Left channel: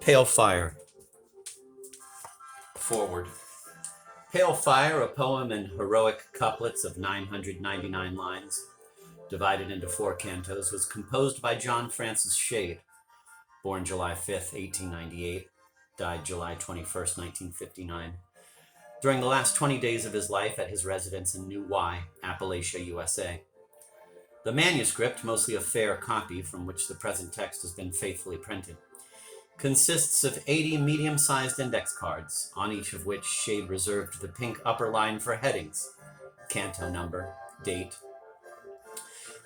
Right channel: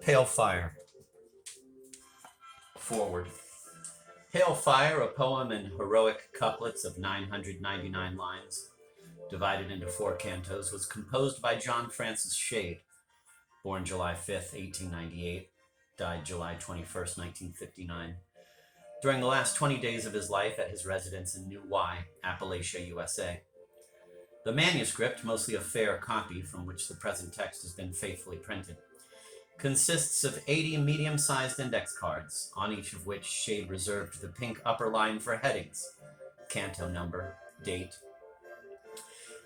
Pale Fire. Foreword. Pale Fire, a poem in heroic couplets of 999 lines, divided into 4 cantos, was composed by John Francis Shade, born July 5th, 1898, died July 21st, 1959, during the last 20 days of his life at his residence in New Wye, Appalachia, USA. The manuscript, mostly a fair copy from which the present text has been faithfully printed, consists of 80 medium-sized index cards, on each of which Shade reserved the pink upper line for headings, canto number, date,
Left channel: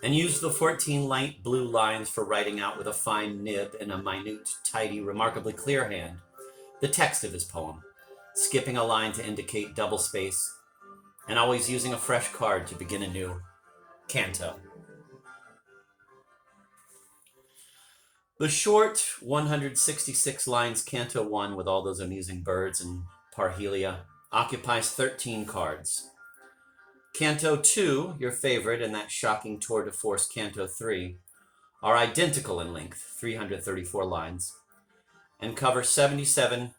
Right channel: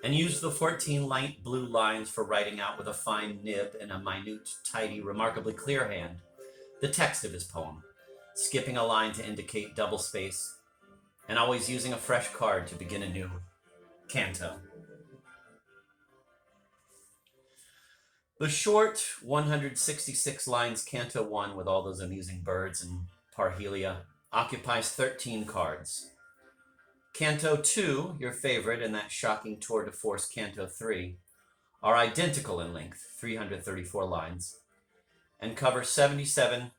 and used the 14 light blue lines for writing out with a fine nib in a minute, tidy, remarkably clear hand the text of his poem, skipping a line to indicate double space, and always using a fresh card to begin anew. Canto. The short 166 lines Canto 1, with all those amusing birds and parhelia, occupies 13 cards. Canto 2, your favorite, and that shocking tour de force Canto 3, are identical in length, 334 lines, and cover 27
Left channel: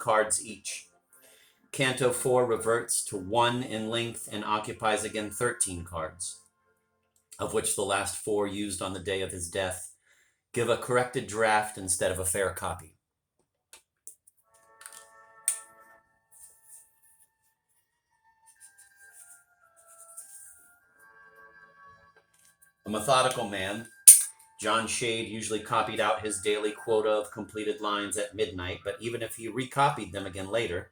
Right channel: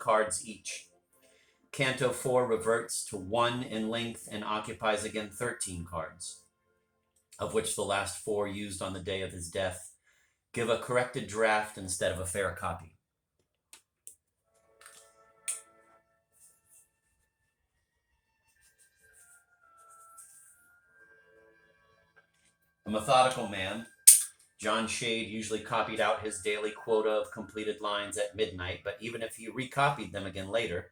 cards each. Canto 4 reverts to 1 in length and occupies again 13 cards, of which the last 4 used on the day of his death give a corrected draft instead of a fair copy. A methodical man, John Shade usually copied out his daily quota of completed lines at midnight, but even if he recopied them again later,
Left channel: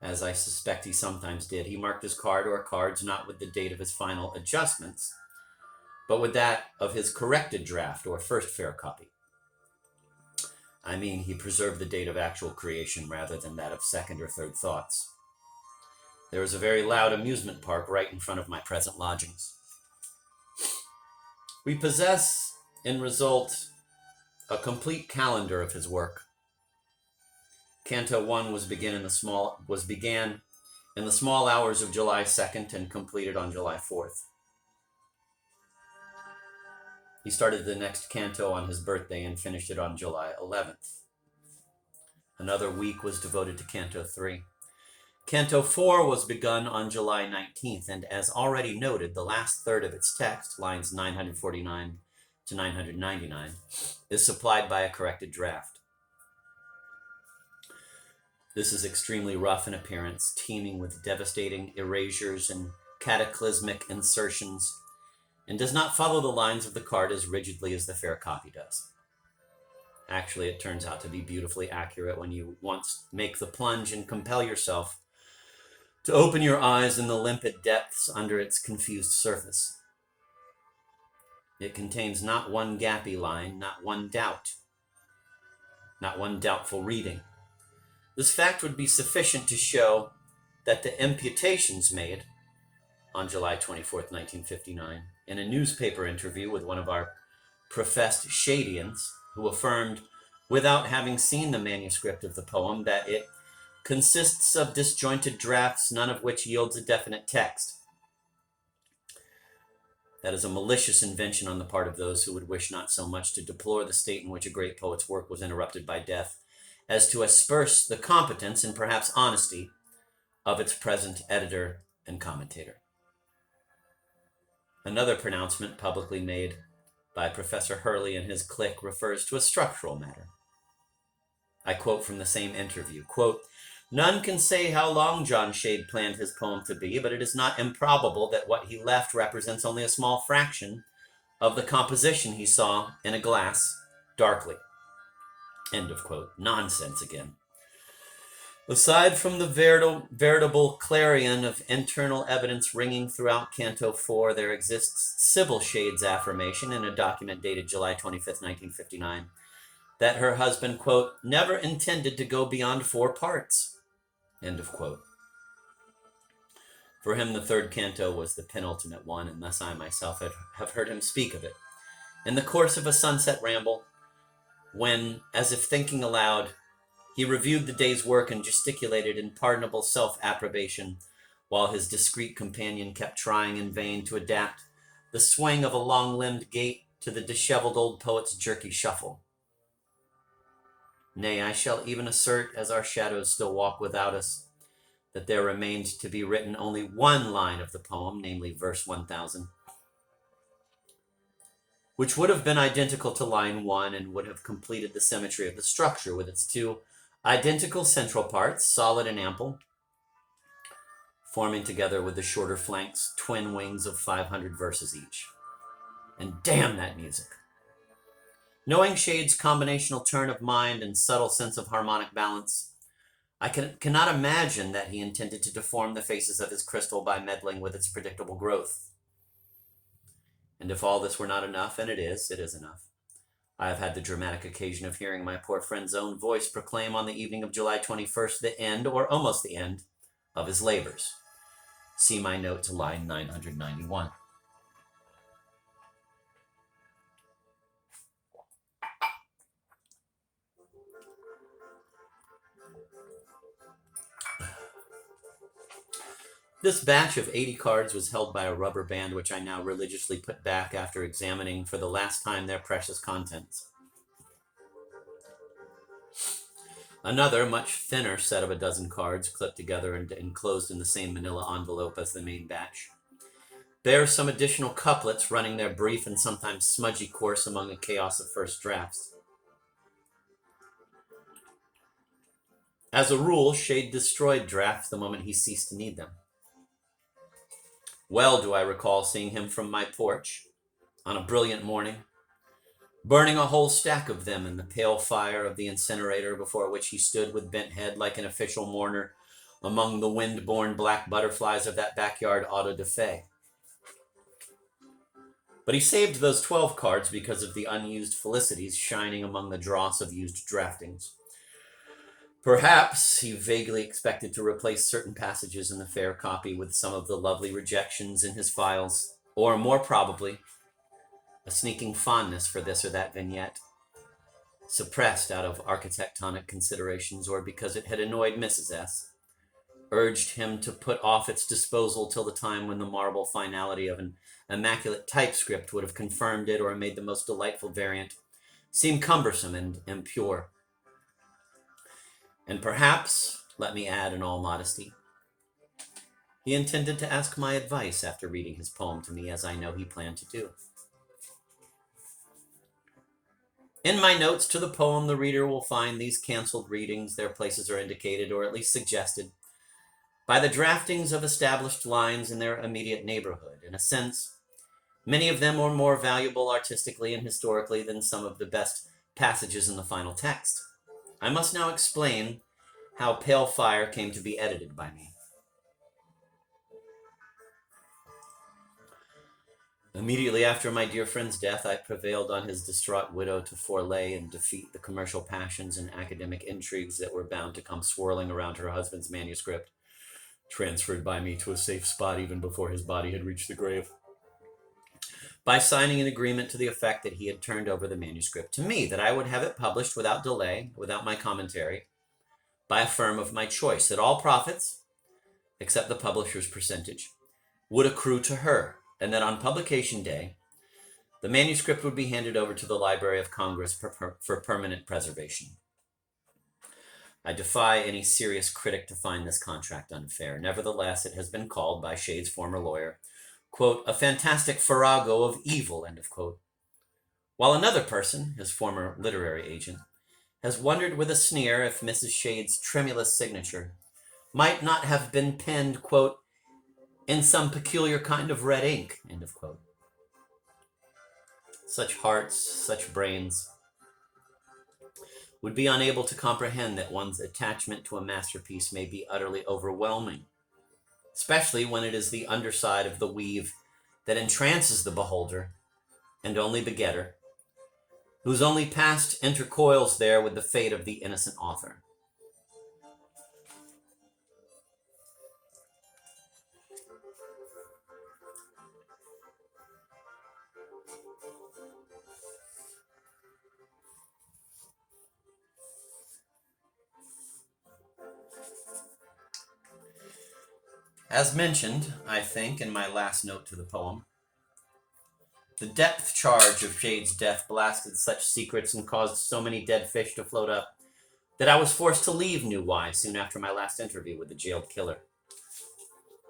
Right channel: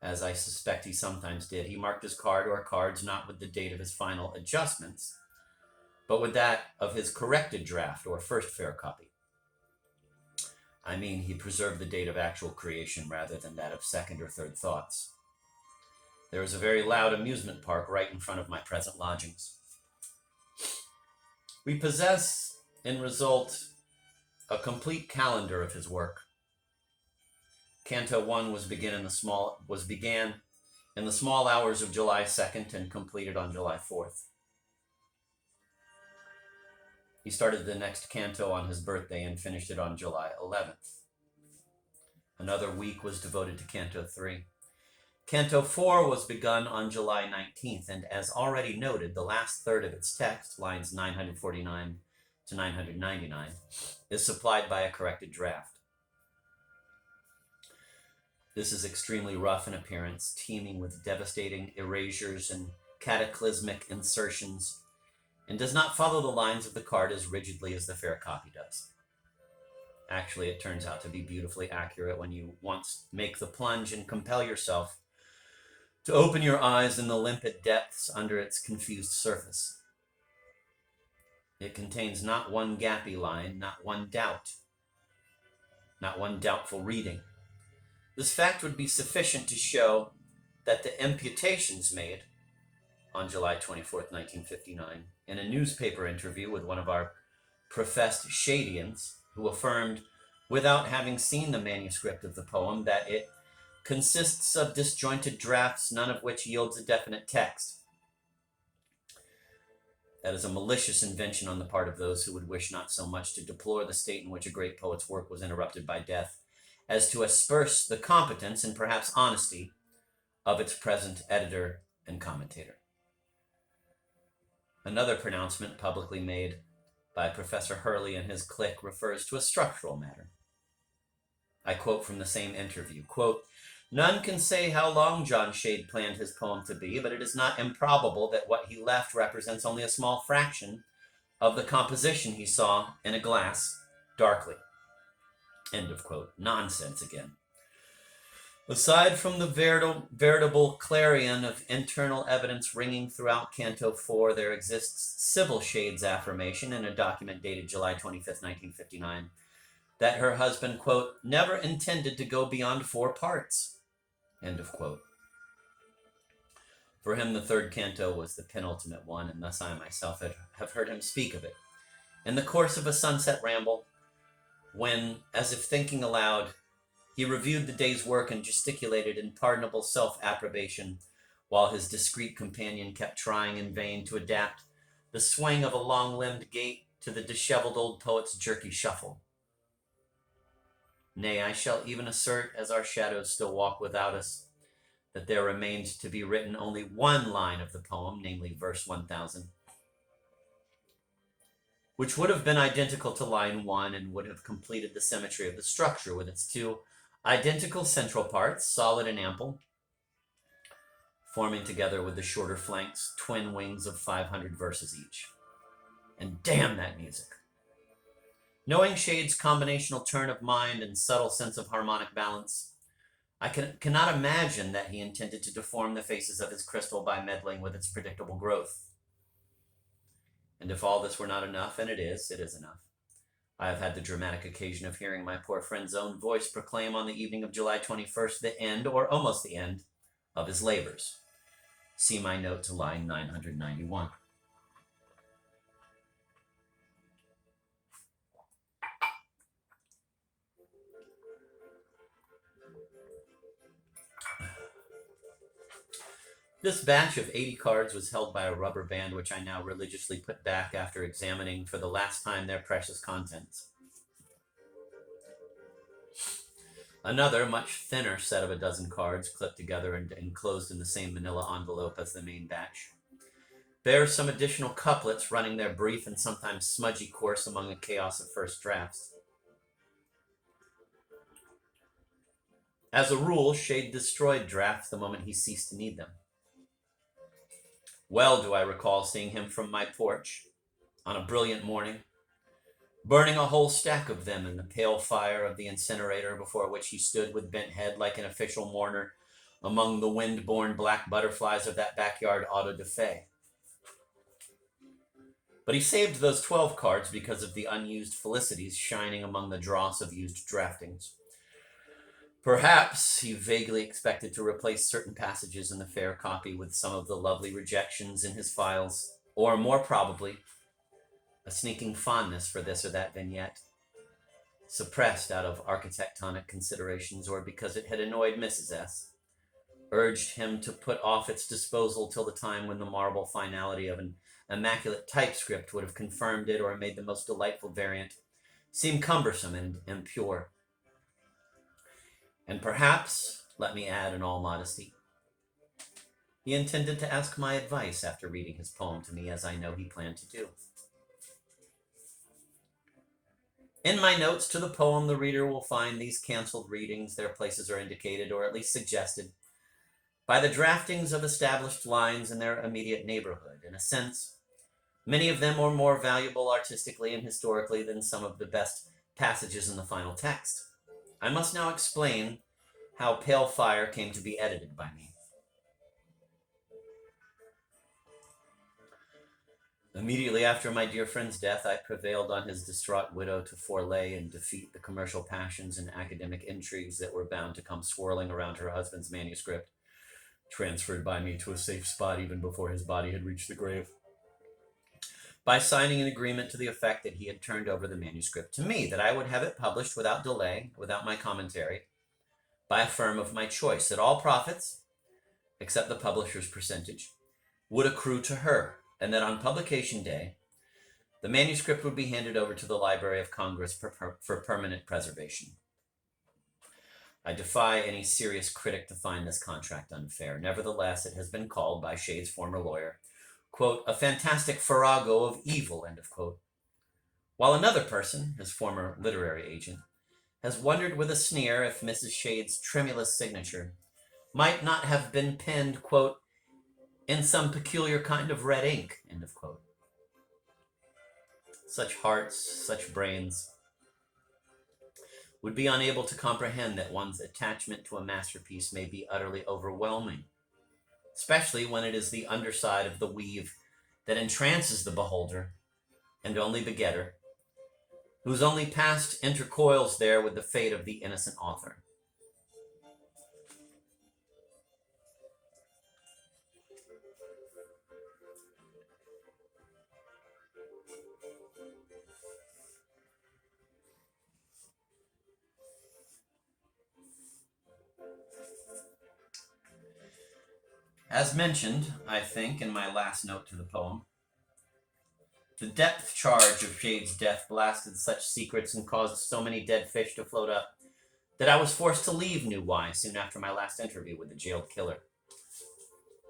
as I suspect he sometimes did, he marked his card or cards not with the date of his final adjustments, but with that of his corrected draft or first fair copy. I mean, he preserved the date of actual creation rather than that of second or third thoughts. There is a very loud amusement park right in front of my present lodgings. We possess, in result, a complete calendar of his work. Canto 1 was began in the small hours of July 2nd and completed on July 4th. He started the next canto on his birthday and finished it on July 11th. Another week was devoted to Canto 3. Canto 4 was begun on July 19th, and as already noted, the last third of its text, lines 949 to 999, is supplied by a corrected draft. This is extremely rough in appearance, teeming with devastating erasures and cataclysmic insertions, and does not follow the lines of the card as rigidly as the fair copy does. Actually, it turns out to be beautifully accurate when you once make the plunge and compel yourself to open your eyes in the limpid depths under its confused surface. It contains not one gappy line, not one doubt, not one doubtful reading. This fact would be sufficient to show that the imputations made on July 24th, 1959, in a newspaper interview with one of our professed Shadians, who affirmed, without having seen the manuscript of the poem, that it consists of disjointed drafts, none of which yields a definite text. That is a malicious invention on the part of those who would wish not so much to deplore the state in which a great poet's work was interrupted by death, as to asperse the competence and perhaps honesty of its present editor and commentator. Another pronouncement publicly made by Professor Hurley and his clique refers to a structural matter. I quote from the same interview, quote, "None can say how long John Shade planned his poem to be, but it is not improbable that what he left represents only a small fraction of the composition he saw in a glass darkly." End of quote. Nonsense again. Aside from the veritable clarion of internal evidence ringing throughout Canto 4, there exists Sybil Shade's affirmation in a document dated July 25th, 1959, that her husband, quote, "never intended to go beyond 4 parts." End of quote. For him, the third canto was the penultimate one, and thus I myself have heard him speak of it in the course of a sunset ramble, when, as if thinking aloud, he reviewed the day's work and gesticulated in pardonable self-approbation, while his discreet companion kept trying in vain to adapt the swing of a long-limbed gait to the disheveled old poet's jerky shuffle. Nay, I shall even assert, as our shadows still walk without us, that there remained to be written only one line of the poem, namely verse 1000, which would have been identical to line 1 and would have completed the symmetry of the structure with its two identical central parts, solid and ample, forming together with the shorter flanks twin wings of 500 verses each. And damn that music! Knowing Shade's combinational turn of mind and subtle sense of harmonic balance, I cannot imagine that he intended to deform the faces of his crystal by meddling with its predictable growth. And if all this were not enough, and it is enough, I have had the dramatic occasion of hearing my poor friend's own voice proclaim on the evening of July 21st the end, or almost the end, of his labors. See my note to line 991. This batch of 80 cards was held by a rubber band, which I now religiously put back after examining for the last time their precious contents. Another, much thinner set of a dozen cards, clipped together and enclosed in the same manila envelope as the main batch, bears some additional couplets running their brief and sometimes smudgy course among a chaos of first drafts. As a rule, Shade destroyed drafts the moment he ceased to need them. Well do I recall seeing him from my porch on a brilliant morning, burning a whole stack of them in the pale fire of the incinerator before which he stood with bent head like an official mourner among the wind-borne black butterflies of that backyard auto da fe. But he saved those 12 cards because of the unused felicities shining among the dross of used draftings. Perhaps he vaguely expected to replace certain passages in the fair copy with some of the lovely rejections in his files, or more probably, a sneaking fondness for this or that vignette, suppressed out of architectonic considerations or because it had annoyed Mrs. S., urged him to put off its disposal till the time when the marble finality of an immaculate typescript would have confirmed it or made the most delightful variant seem cumbersome and impure. And perhaps, let me add in all modesty, he intended to ask my advice after reading his poem to me, as I know he planned to do. In my notes to the poem, the reader will find these canceled readings. Their places are indicated, or at least suggested, by the draftings of established lines in their immediate neighborhood. In a sense, many of them are more valuable artistically and historically than some of the best passages in the final text. I must now explain how Pale Fire came to be edited by me. Immediately after my dear friend's death, I prevailed on his distraught widow to forelay and defeat the commercial passions and academic intrigues that were bound to come swirling around her husband's manuscript, transferred by me to a safe spot even before his body had reached the grave, by signing an agreement to the effect that he had turned over the manuscript to me, that I would have it published without delay, without my commentary, by a firm of my choice, that all profits, except the publisher's percentage, would accrue to her, and that on publication day, the manuscript would be handed over to the Library of Congress for permanent preservation. I defy any serious critic to find this contract unfair. Nevertheless, it has been called by Shade's former lawyer, quote, a fantastic farrago of evil, end of quote. While another person, his former literary agent, has wondered with a sneer if Mrs. Shade's tremulous signature might not have been penned, quote, in some peculiar kind of red ink, end of quote. Such hearts, such brains, would be unable to comprehend that one's attachment to a masterpiece may be utterly overwhelming, especially when it is the underside of the weave that entrances the beholder and only begetter, whose only past intercoils there with the fate of the innocent author. As mentioned, I think, in my last note to the poem, the depth charge of Shade's death blasted such secrets and caused so many dead fish to float up that I was forced to leave New Y soon after my last interview with the jailed killer.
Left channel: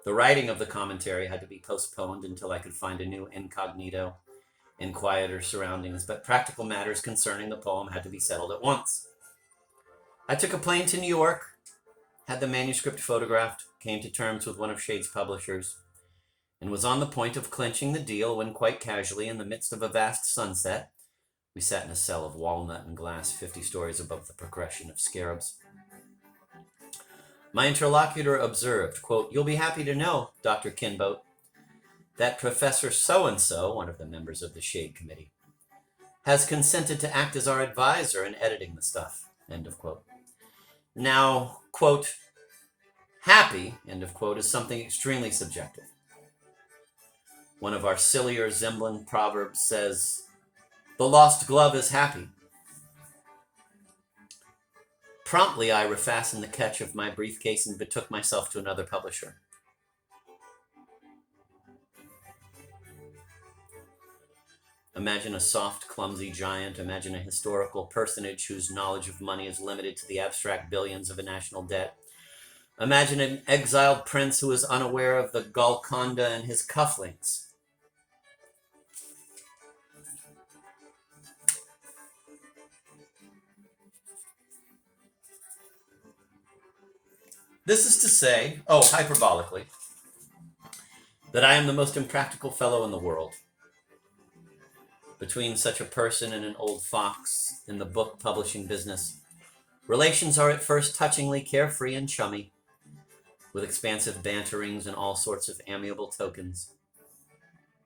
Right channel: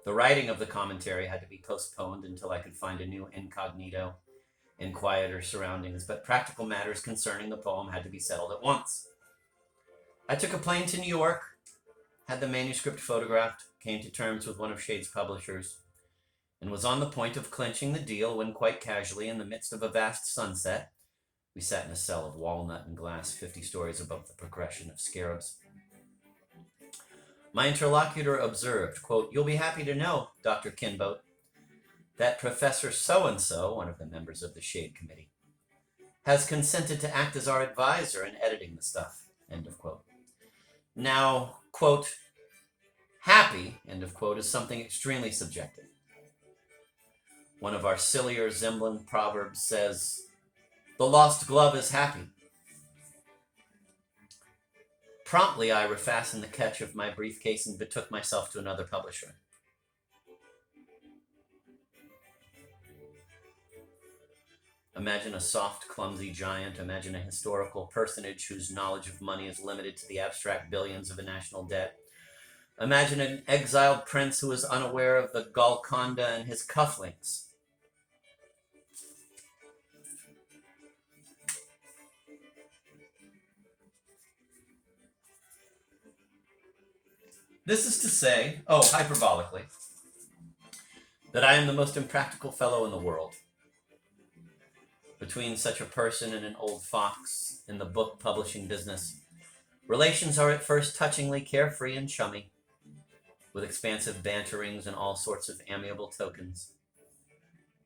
The writing of the commentary had to be postponed until I could find a new incognito in quieter surroundings, but practical matters concerning the poem had to be settled at once. I took a plane to New York, had the manuscript photographed, came to terms with one of Shade's publishers, and was on the point of clinching the deal when, quite casually, in the midst of a vast sunset, we sat in a cell of walnut and glass 50 stories above the progression of scarabs. My interlocutor observed, quote, "You'll be happy to know, Dr. Kinboat, that Professor So-and-so, one of the members of the Shade Committee, has consented to act as our advisor in editing the stuff," end of quote. Now, quote, happy, end of quote, is something extremely subjective. One of our sillier Zemblin proverbs says, "The lost glove is happy." Promptly, I refastened the catch of my briefcase and betook myself to another publisher. Imagine a soft, clumsy giant. Imagine a historical personage whose knowledge of money is limited to the abstract billions of a national debt. Imagine an exiled prince who is unaware of the Golconda and his cufflinks. This is to say, hyperbolically, that I am the most impractical fellow in the world. Between such a person and an old fox in the book publishing business, relations are at first touchingly carefree and chummy, with expansive banterings and all sorts of amiable tokens.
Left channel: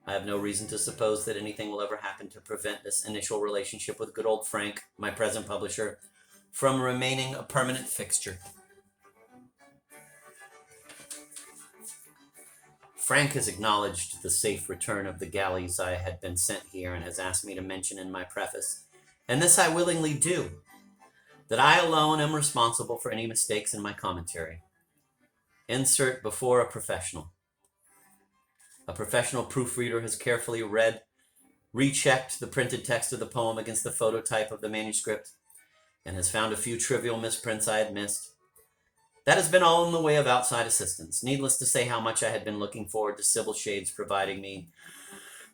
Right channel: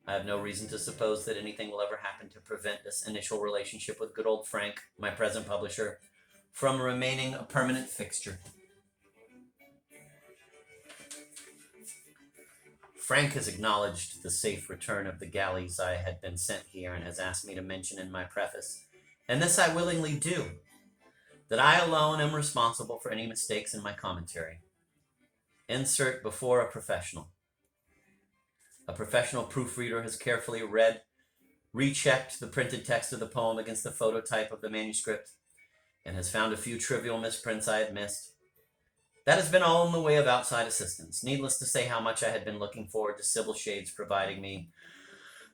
I have no reason to suppose that anything will ever happen to prevent this initial relationship with good old Frank, my present publisher, from remaining a permanent fixture. Frank has acknowledged the safe return of the galleys I had been sent here and has asked me to mention in my preface, and this I willingly do, that I alone am responsible for any mistakes in my commentary. Insert before a professional. A professional proofreader has carefully read, rechecked the printed text of the poem against the phototype of the manuscript, and has found a few trivial misprints I had missed. That has been all in the way of outside assistance. Needless to say how much I had been looking forward to Sybil Shade's providing me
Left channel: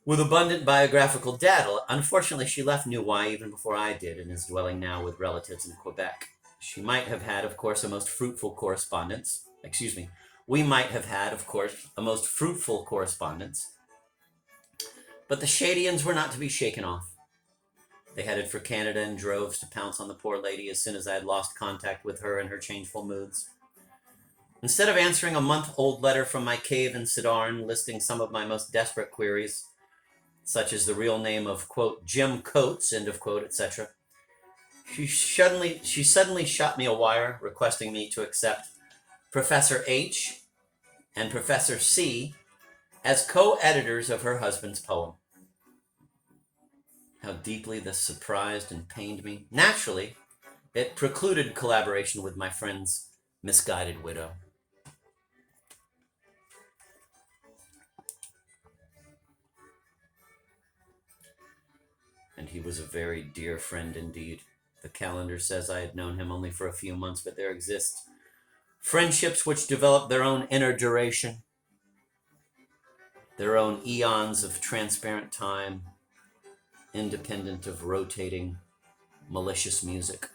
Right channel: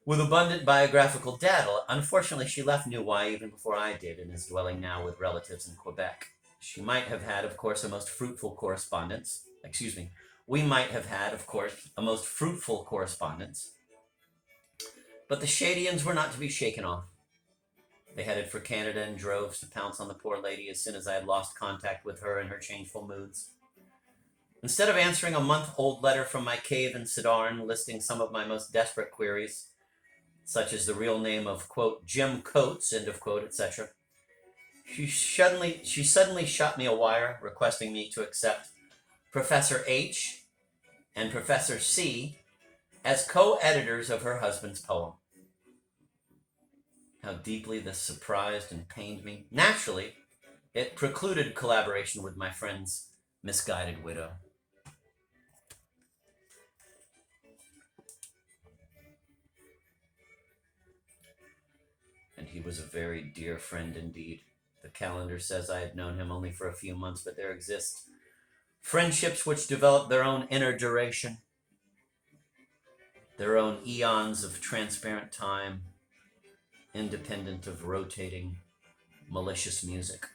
with abundant biographical data. Unfortunately, she left New Y even before I did and is dwelling now with relatives in Quebec. She might have had, of course, a most fruitful correspondence. We might have had, of course, a most fruitful correspondence. But the Shadians were not to be shaken off. They headed for Canada in droves to pounce on the poor lady as soon as I had lost contact with her and her changeful moods. Instead of answering a month-old letter from my cave in Sidarn listing some of my most desperate queries, such as the real name of, quote, Jim Coates, end of quote, etc., she suddenly shot me a wire requesting me to accept Professor H and Professor C as co-editors of her husband's poem. How deeply this surprised and pained me. Naturally, it precluded collaboration with my friend's misguided widow. And he was a very dear friend indeed. The calendar says I had known him only for a few months, but there exist friendships which develop their own inner duration, their own eons of transparent time, independent of rotating, malicious music.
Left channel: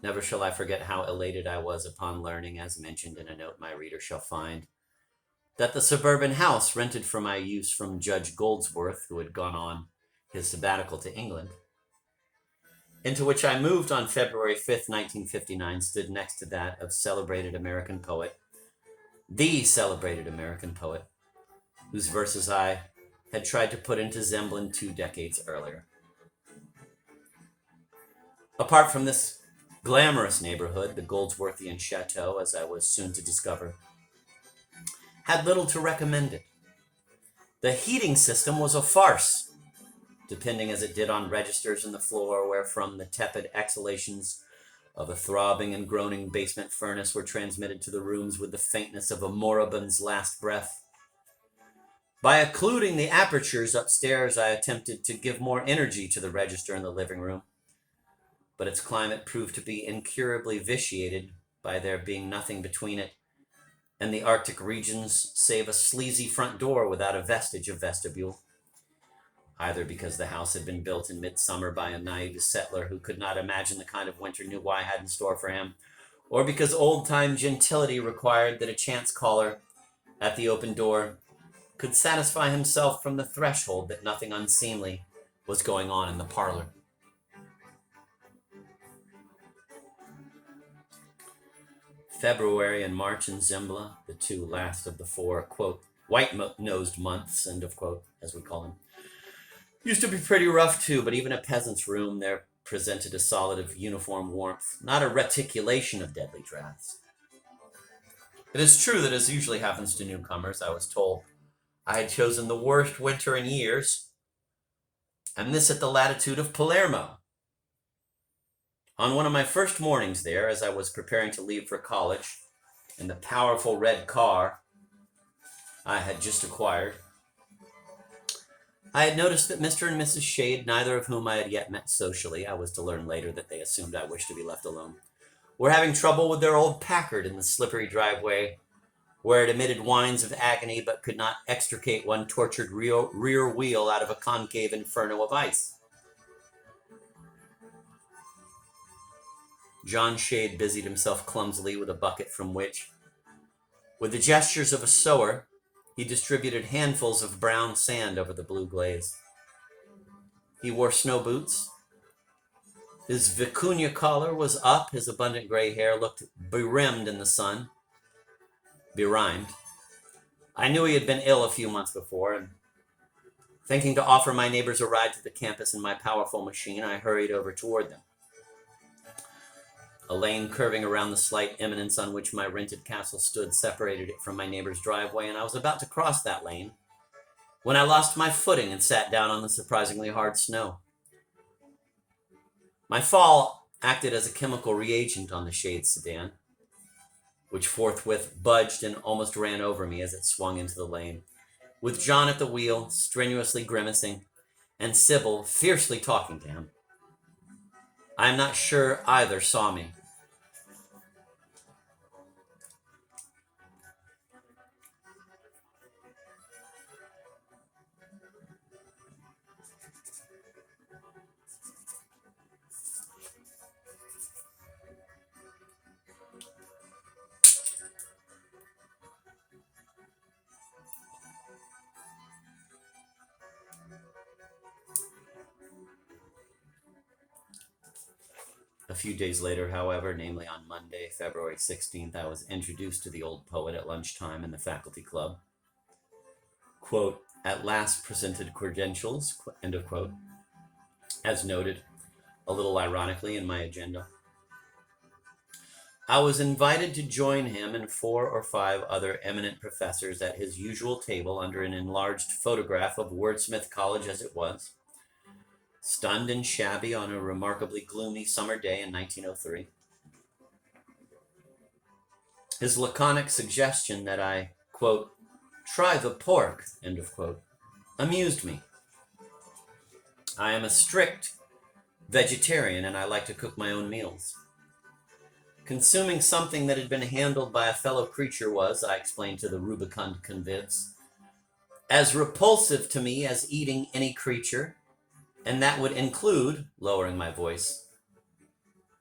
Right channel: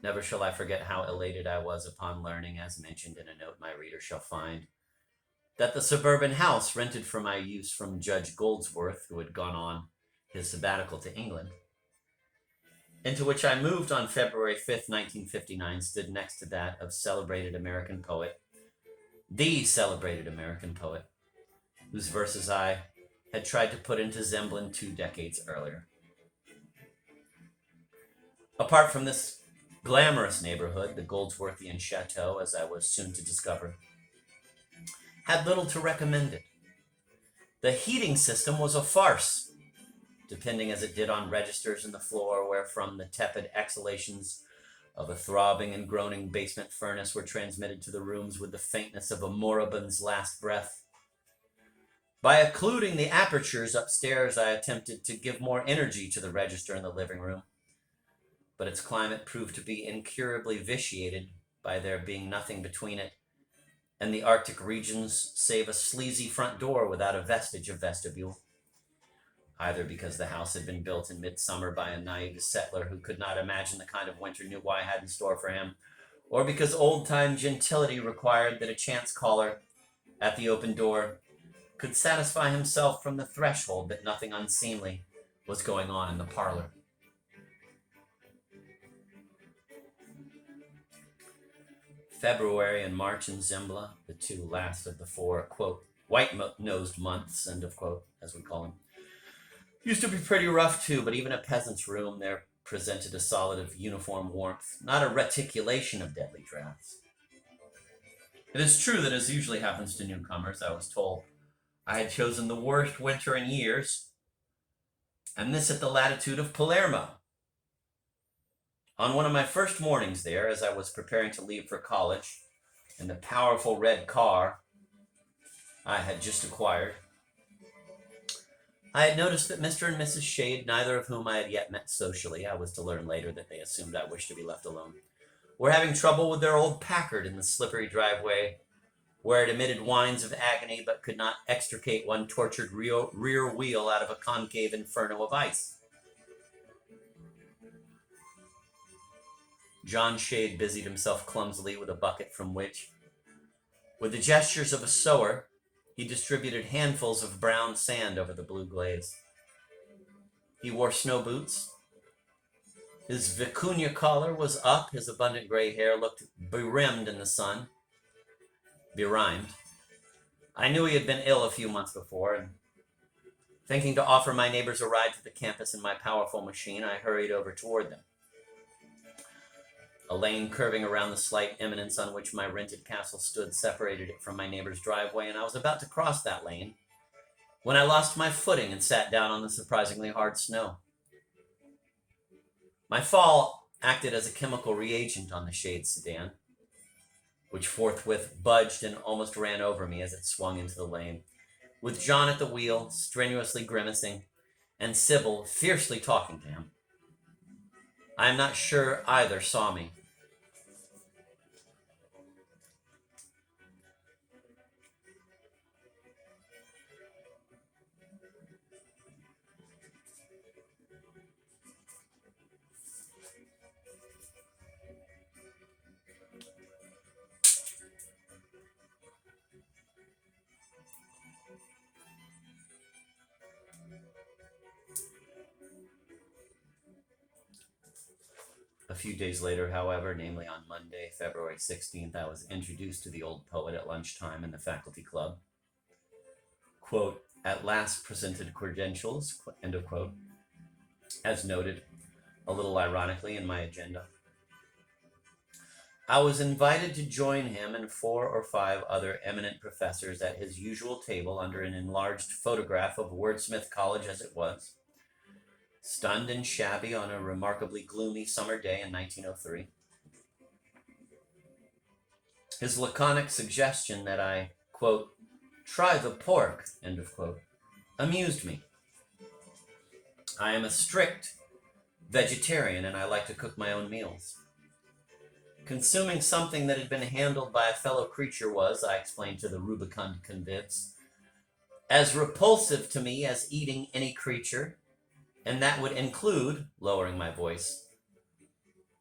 Never shall I forget how elated I was upon learning, as mentioned in a note my reader shall find, that the suburban house rented for my use from Judge Goldsworth, who had gone on his sabbatical to England, into which I moved on February 5th, 1959, stood next to that of the celebrated American poet, whose verses I had tried to put into Zemblin 2 decades earlier. Apart from this glamorous neighborhood, the Goldsworthian chateau, as I was soon to discover, had little to recommend it. The heating system was a farce, depending as it did on registers in the floor, wherefrom the tepid exhalations of a throbbing and groaning basement furnace were transmitted to the rooms with the faintness of a moribund's last breath. By occluding the apertures upstairs, I attempted to give more energy to the register in the living room, but its climate proved to be incurably vitiated by there being nothing between it and the Arctic regions save a sleazy front door without a vestige of vestibule, either because the house had been built in midsummer by a naive settler who could not imagine the kind of winter New Wye had in store for him, or because old-time gentility required that a chance caller at the open door could satisfy himself from the threshold that nothing unseemly was going on in the parlor. February and March in Zembla, the two last of the four, quote, white-nosed months, end of quote, as we call them, used to be pretty rough too, but even a peasant's room there presented a solid of uniform warmth, not a reticulation of deadly drafts. It is true that, as usually happens to newcomers, I was told I had chosen the worst winter in years, and this at the latitude of Palermo. On one of my first mornings there, as I was preparing to leave for college, in the powerful red car I had just acquired, I had noticed that Mr. and Mrs. Shade, neither of whom I had yet met socially — I was to learn later that they assumed I wished to be left alone — were having trouble with their old Packard in the slippery driveway, where it emitted whines of agony but could not extricate one tortured rear wheel out of a concave inferno of ice. John Shade busied himself clumsily with a bucket from which, with the gestures of a sower, he distributed handfuls of brown sand over the blue glaze. He wore snow boots. His vicuña collar was up. His abundant gray hair looked berimmed in the sun. Berimed. I knew he had been ill a few months before, and thinking to offer my neighbors a ride to the campus in my powerful machine, I hurried over toward them. A lane curving around the slight eminence on which my rented castle stood separated it from my neighbor's driveway, and I was about to cross that lane when I lost my footing and sat down on the surprisingly hard snow. My fall acted as a chemical reagent on the Shade sedan, which forthwith budged and almost ran over me as it swung into the lane, with John at the wheel, strenuously grimacing, and Sybil fiercely talking to him. I am not sure either saw me. A few days later, however, namely on Monday, February 16th, I was introduced to the old poet at lunchtime in the faculty club. Quote, at last presented credentials, end of quote, as noted, a little ironically, in my agenda. I was invited to join him and 4 or 5 other eminent professors at his usual table under an enlarged photograph of Wordsmith College as it was, stunned and shabby on a remarkably gloomy summer day in 1903. His laconic suggestion that I, quote, try the pork, end of quote, amused me. I am a strict vegetarian and I like to cook my own meals. Consuming something that had been handled by a fellow creature was, I explained to the rubicund convicts, as repulsive to me as eating any creature, and that would include, lowering my voice,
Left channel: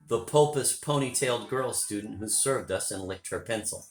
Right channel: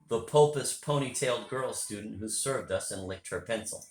the pompous ponytailed girl student who served us and licked her pencil.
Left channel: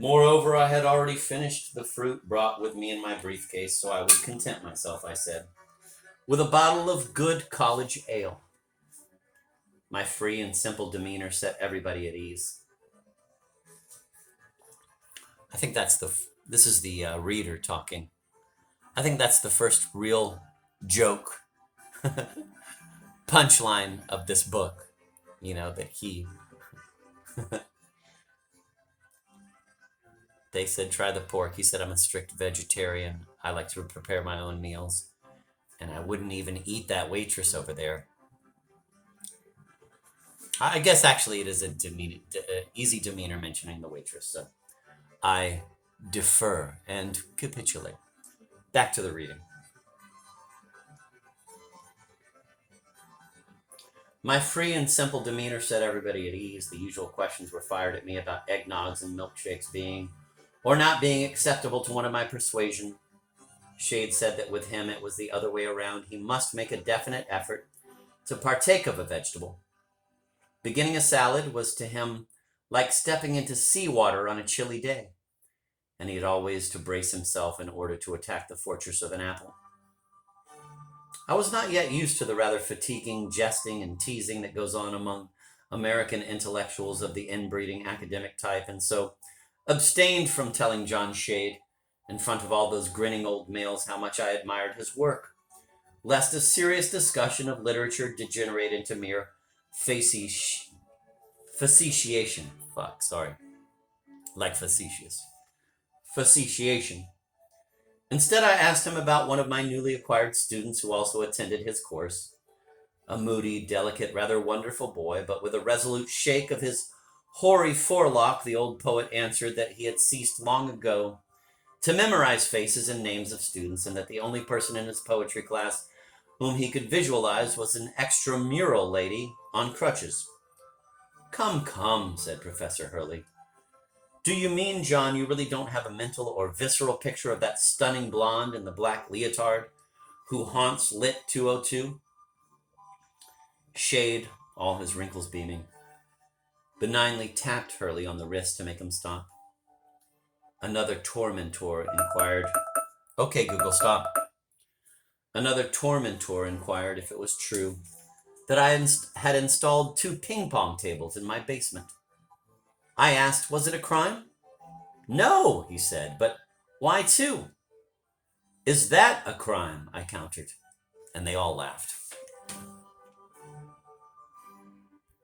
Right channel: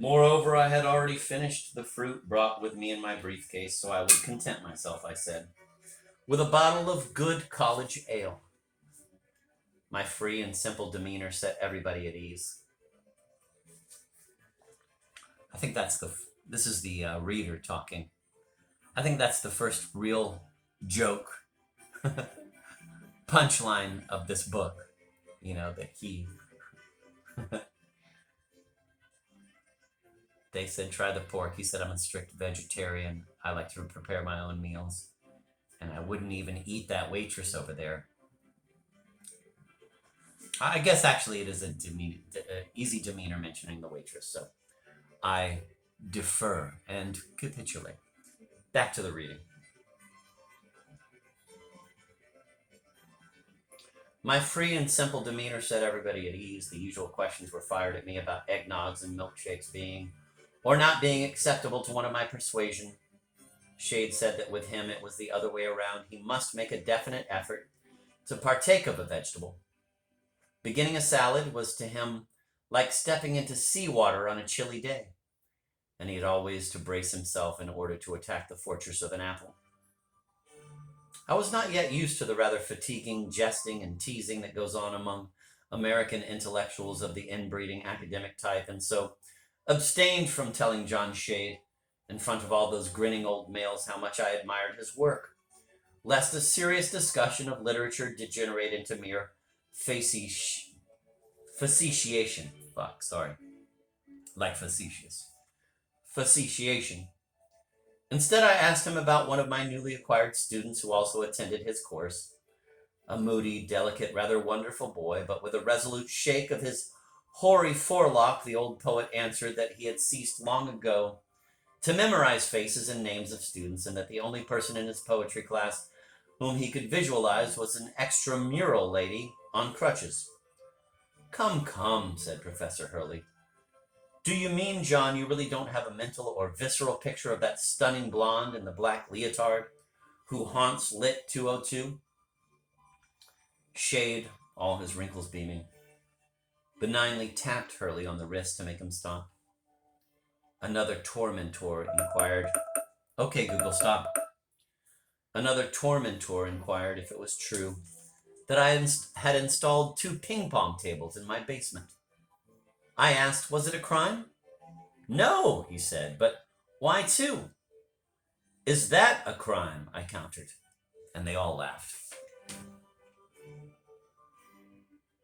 Moreover, I had already finished the fruit brought with me in my briefcase, so I would content myself, I said, with a bottle of good college ale. My free and simple demeanor set everybody at ease. I think this is the reader talking. I think that's the first real joke punchline of this book, that they said, try the pork. He said, I'm a strict vegetarian. I like to prepare my own meals. And I wouldn't even eat that waitress over there. I guess actually it is an easy demeanor mentioning the waitress. So I defer and capitulate. Back to the reading. My free and simple demeanor set everybody at ease. The usual questions were fired at me about eggnogs and milkshakes being or not being acceptable to one of my persuasion. Shade said that with him it was the other way around. He must make a definite effort to partake of a vegetable. Beginning a salad was to him like stepping into seawater on a chilly day, and he had always to brace himself in order to attack the fortress of an apple. I was not yet used to the rather fatiguing jesting and teasing that goes on among American intellectuals of the inbreeding academic type, and so abstained from telling John Shade, in front of all those grinning old males, how much I admired his work, lest a serious discussion of literature degenerate into mere facetiation. Like facetious. Facetiation. Instead, I asked him about one of my newly acquired students who also attended his course, a moody, delicate, rather wonderful boy, but with a resolute shake of his hoary forelock, the old poet answered that he had ceased long ago to memorize faces and names of students, and that the only person in his poetry class whom he could visualize was an extramural lady on crutches. Come, said Professor Hurley. Do you mean, John, you really don't have a mental or visceral picture of that stunning blonde in the black leotard who haunts Lit 202? Shade, all his wrinkles beaming, benignly tapped Hurley on the wrist to make him stop. Another tormentor inquired. Okay, Google, stop. Another tormentor inquired if it was true that I had installed 2 ping-pong tables in my basement. I asked, was it a crime? No, he said, but why 2? Is that a crime? I countered, and they all laughed.